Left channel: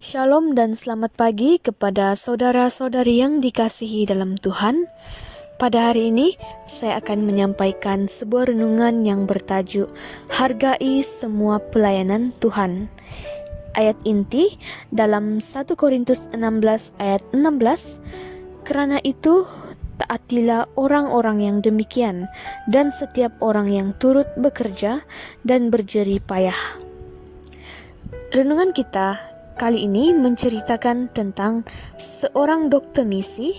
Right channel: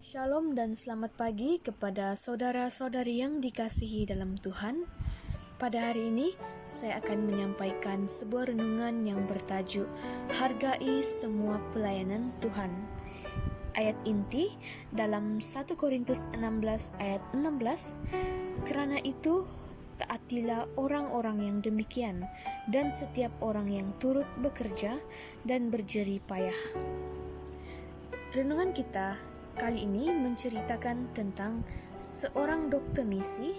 Shalom dan selamat pagi kepada saudara-saudari yang dikasihi dalam Tuhan. Pada hari ini, saya akan menyampaikan sebuah renungan yang bertajuk Hargai Semua Pelayanan Tuhan. Ayat inti dalam 1 Korintus 16 ayat 16, "Kerana itu, taatilah orang-orang yang demikian dan setiap orang yang turut bekerja dan berjerih payah." Renungan kita kali ini menceritakan tentang seorang dokter misi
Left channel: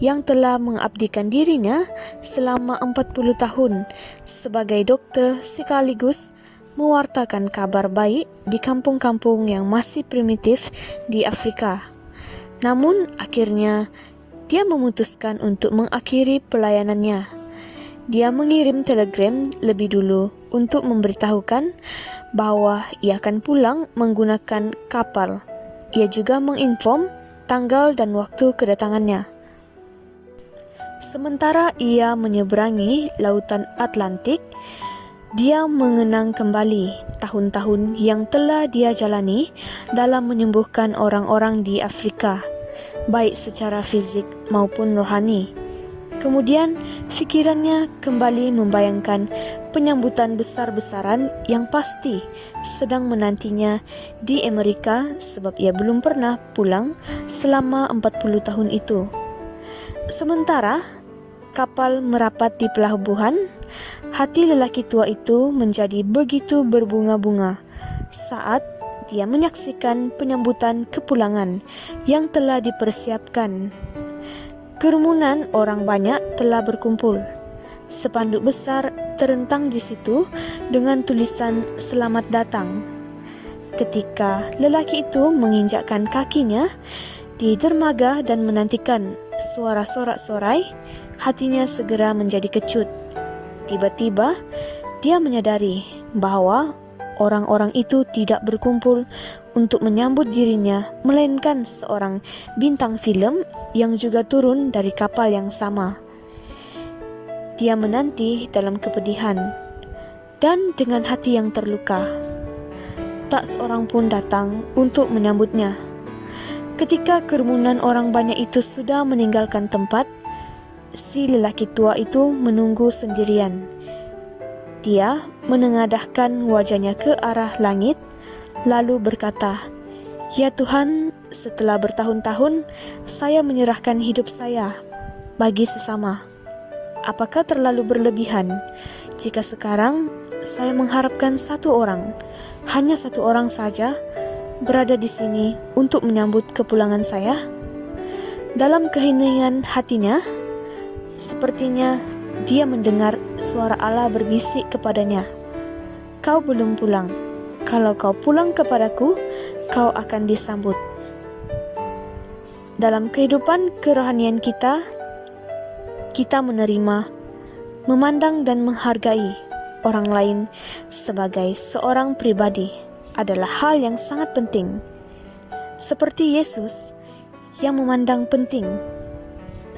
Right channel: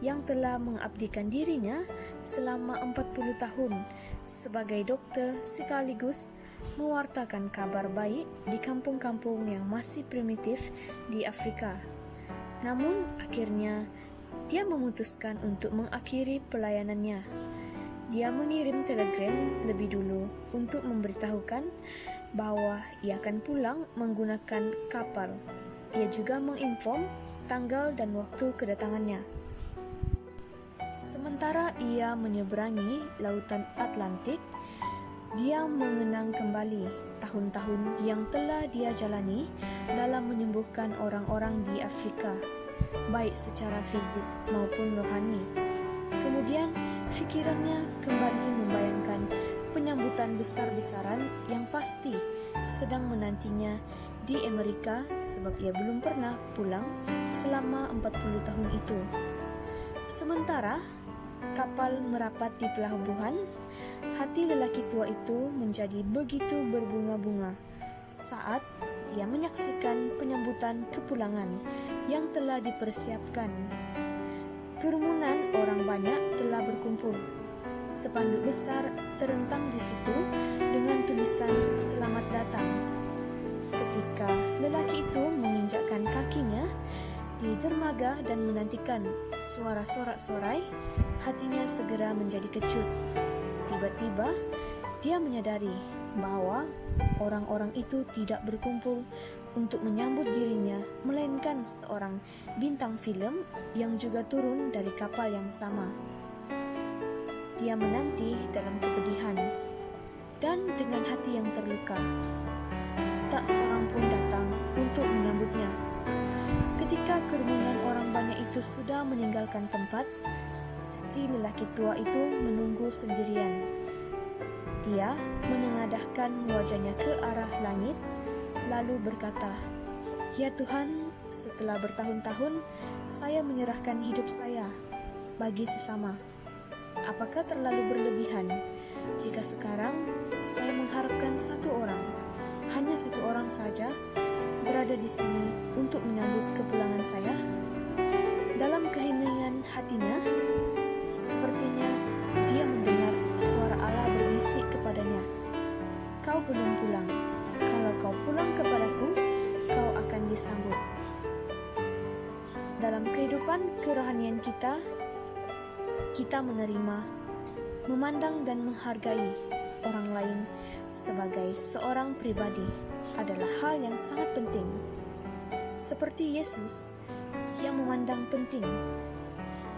yang telah mengabdikan dirinya selama 40 tahun sebagai dokter sekaligus mewartakan kabar baik di kampung-kampung yang masih primitif di Afrika. Namun akhirnya dia memutuskan untuk mengakhiri pelayanannya. Dia mengirim telegram lebih dulu untuk memberitahukan bahwa ia akan pulang menggunakan kapal. Ia juga menginform tanggal dan waktu kedatangannya. Sementara ia menyeberangi lautan Atlantik, dia mengenang kembali tahun-tahun yang telah dia jalani dalam menyembuhkan orang-orang di Afrika, baik secara fisik maupun rohani. Kemudian fikirannya kembali membayangkan penyambutan besar-besaran yang pasti sedang menantinya di Amerika sebab ia belum pernah pulang selama 40 tahun itu. Sementara kapal merapat di pelabuhan, hati lelaki tua itu menjadi begitu berbunga-bunga saat dia menyaksikan penyambutan kepulangan yang telah dipersiapkan. Kerumunan orang banyak telah berkumpul. Spanduk besar terentang di situ dengan tulisan "Selamat datang". Ketika lelaki itu menginjakkan kakinya di dermaga dan menantikan suara sorak-sorai, hatinya segera menjadi kecut. Tiba-tiba dia menyadari bahwa orang-orang itu tidak berkumpul untuk menyambut dirinya, melainkan seorang bintang film yang juga turun dari kapal yang sama. Dia menanti dalam kepedihan dan dengan hati yang terluka. Tak seorang pun datang untuk menyambutnya. Ketika kerumunan orang banyak itu sudah meninggalkan tempat, si lelaki tua itu menunggu sendirian. Dia menengadahkan wajahnya ke arah langit, lalu berkata, "Ya Tuhan, setelah bertahun-tahun saya menyerahkan hidup saya bagi sesama. Apakah terlalu berlebihan jika sekarang saya mengharapkan hanya satu orang saja, berada di sini untuk menyambut kepulangan saya?" Dalam keheningan hatinya, sepertinya dia mendengar suara Allah berbisik kepadanya, "Kau belum pulang. Kalau kau pulang kepadaku, kau akan disambut." Dalam kehidupan kerohanian kita menerima, memandang dan menghargai orang lain sebagai seorang pribadi adalah hal yang sangat penting. Seperti Yesus yang memandang penting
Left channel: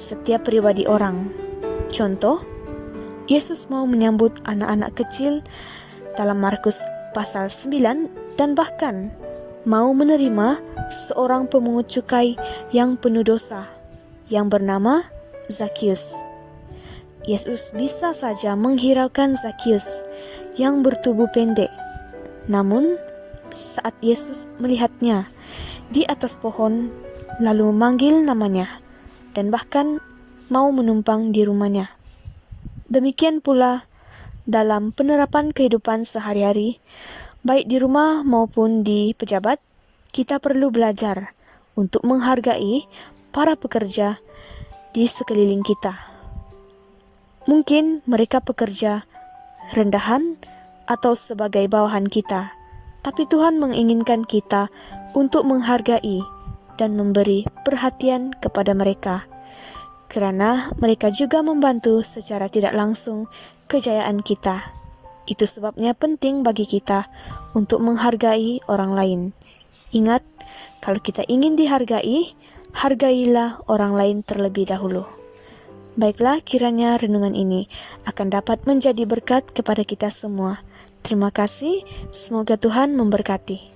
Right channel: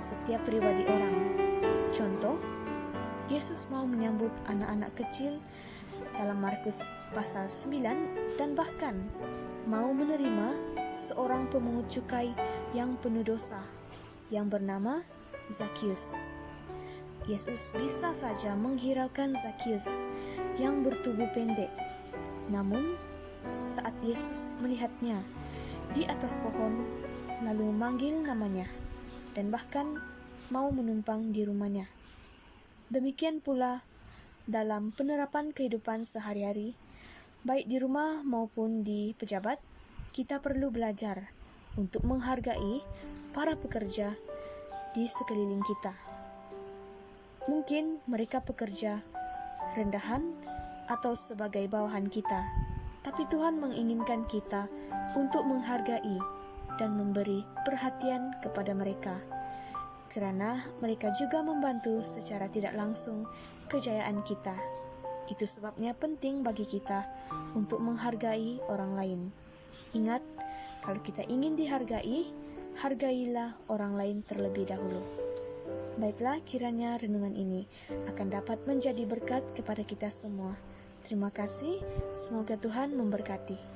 setiap pribadi orang. Contoh, Yesus mau menyambut anak-anak kecil dalam Markus pasal 9 dan bahkan mau menerima seorang pemungut cukai yang penuh dosa yang bernama Zakius. Yesus bisa saja menghiraukan Zakius yang bertubuh pendek. Namun, saat Yesus melihatnya di atas pohon, lalu memanggil namanya dan bahkan mau menumpang di rumahnya. Demikian pula dalam penerapan kehidupan sehari-hari, baik di rumah maupun di pejabat, kita perlu belajar untuk menghargai para pekerja di sekeliling kita. Mungkin mereka pekerja rendahan atau sebagai bawahan kita, tapi Tuhan menginginkan kita untuk menghargai dan memberi perhatian kepada mereka, karena mereka juga membantu secara tidak langsung kejayaan kita. Itu sebabnya penting bagi kita untuk menghargai orang lain. Ingat, kalau kita ingin dihargai, hargailah orang lain terlebih dahulu. Baiklah, kiranya renungan ini akan dapat menjadi berkat kepada kita semua. Terima kasih, semoga Tuhan memberkati.